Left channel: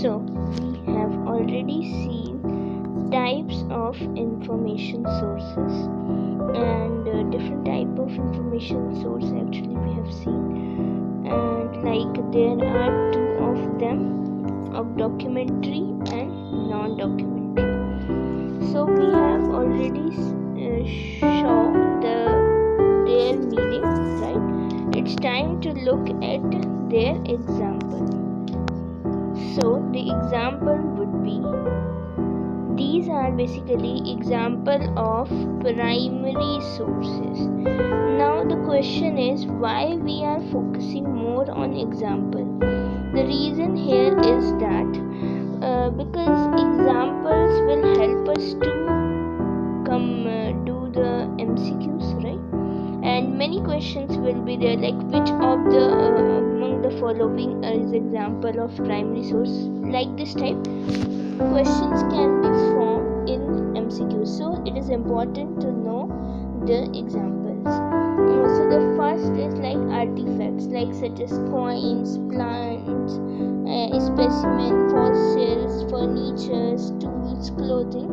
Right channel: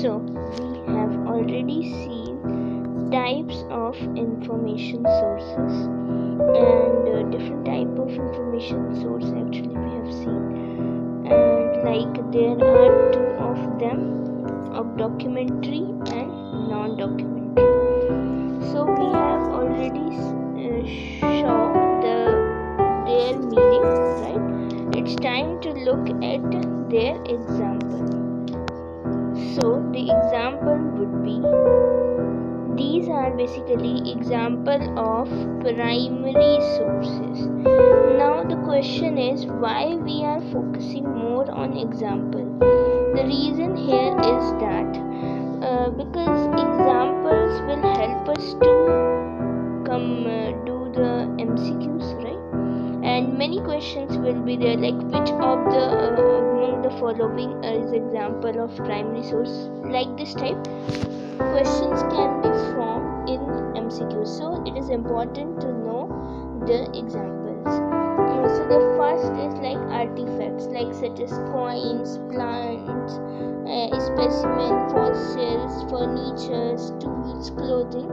So we have already seen types of information sources and different type of information source actually we have seen, and like there are two of them, of documentary and non-documentary. So we have already shown their meaning, right? It's time to look at their example. So the example would be, these are basically example of primary sources. Now the question is, why we are focusing more on example? The reason here is that because examples will help us to do the MCQs, right? And many questions will be there, like which of the among the following is example of primary source. Like this type questions can be formed in MCQ, so it is important to know the examples. So the first is like artifacts, like such as coins, plants, specimen, fossils, furniture, tools, clothing,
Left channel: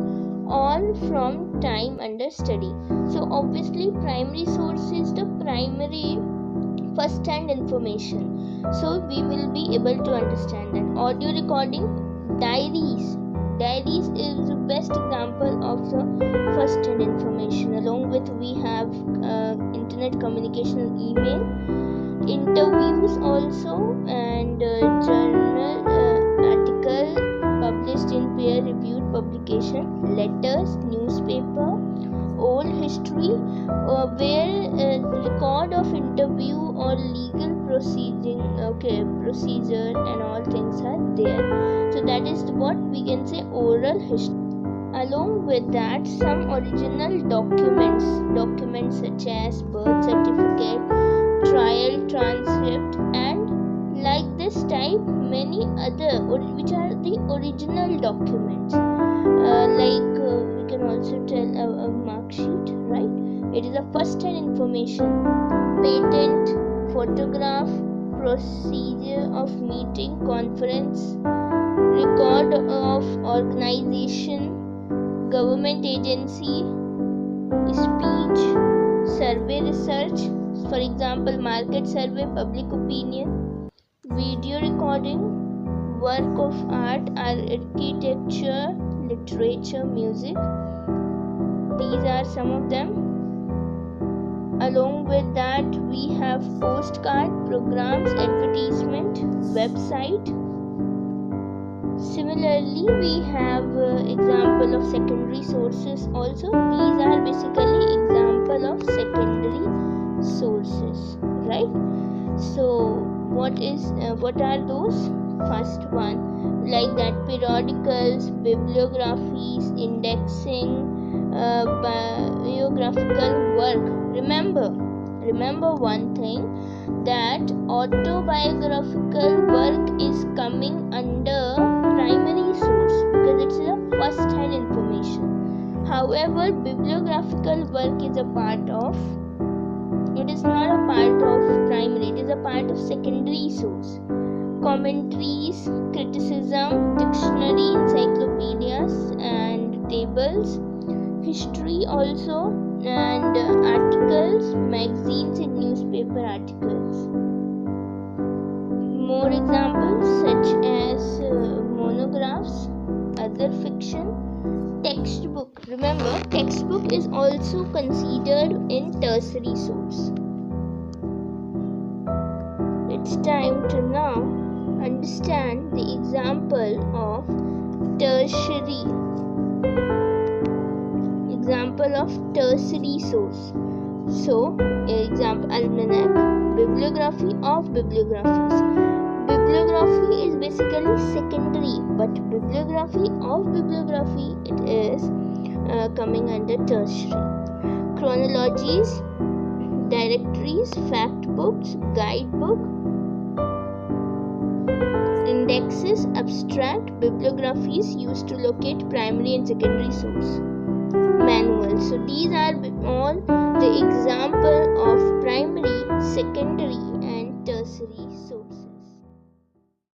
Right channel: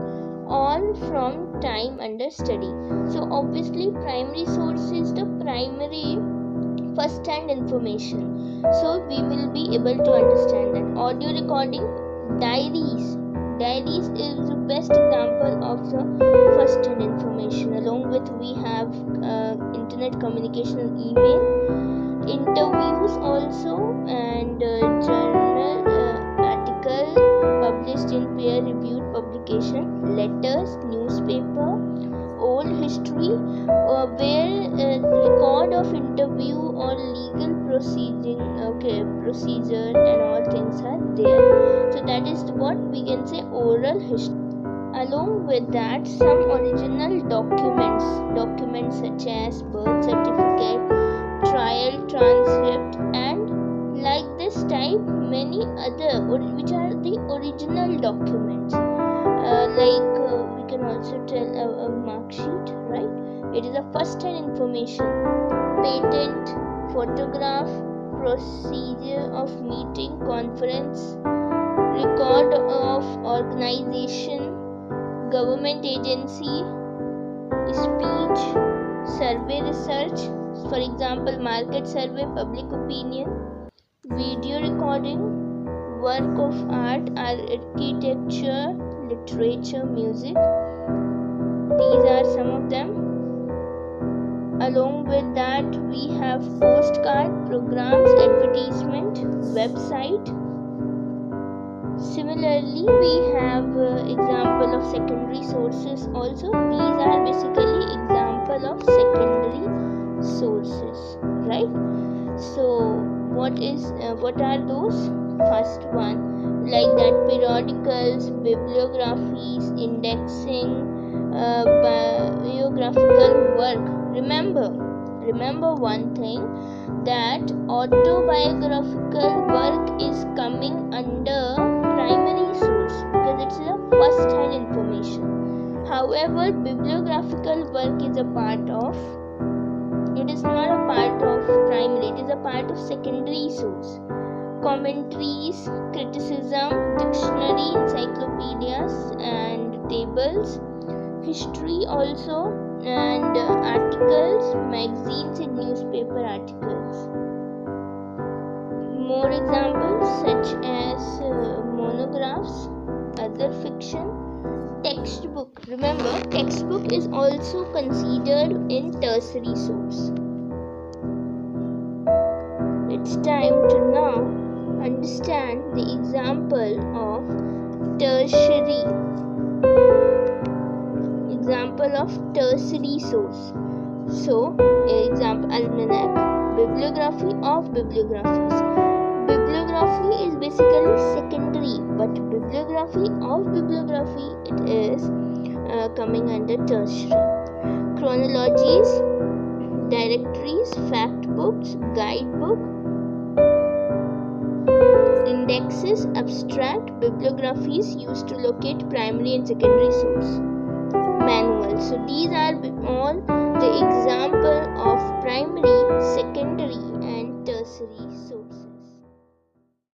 all from time under study. So obviously primary source is the primary first-hand information, so we will be able to understand that. Audio recording, diaries is the best example of the first-hand information. Along with we have internet communication and email, interviews also, and journal article published in peer-reviewed publication, letters, newspaper, old history, where record of interview or legal procedure and all things are there. So that is what we can say oral history. Along with that, some original documents such as birth certificate, trial transcript, and like this type many other which are the original documents. We can also tell a mark sheet, right? It is a first-hand information. Patent, photograph, procedure of meeting, conference, record of organization, government agency, speech, survey research, for example market survey, public opinion, video recording, work of art, architecture, literature, music. These are some of them. Along with that, we have postcard, programs, advertisement, website. Similarly, we have example of secondary sources also. These are basically example of secondary sources, right? So what are those? First one, like that, periodicals, bibliographies, indexing, biographical work. Remember one thing, that autobiographical work is coming under primary source because it's a first-hand information. However, bibliographical work is a part of, it is not a part of primary, it is a part of secondary source. Commentaries, criticism, dictionary, encyclopedias and tables, history also, and articles, magazines and newspaper articles. More examples such as monographs, other fiction, textbook. Remember, textbook is also considered in tertiary source. It's time to now understand the example of tertiary. Example of tertiary source. So, example, almanac, bibliography of bibliographies. Bibliography is basically secondary, but bibliography of bibliography, it is coming under tertiary. Chronologies, directories, fact books, guidebook, indexes, abstract, bibliographies used to locate primary and secondary source. Manual. So these are all the example of primary, secondary and tertiary source.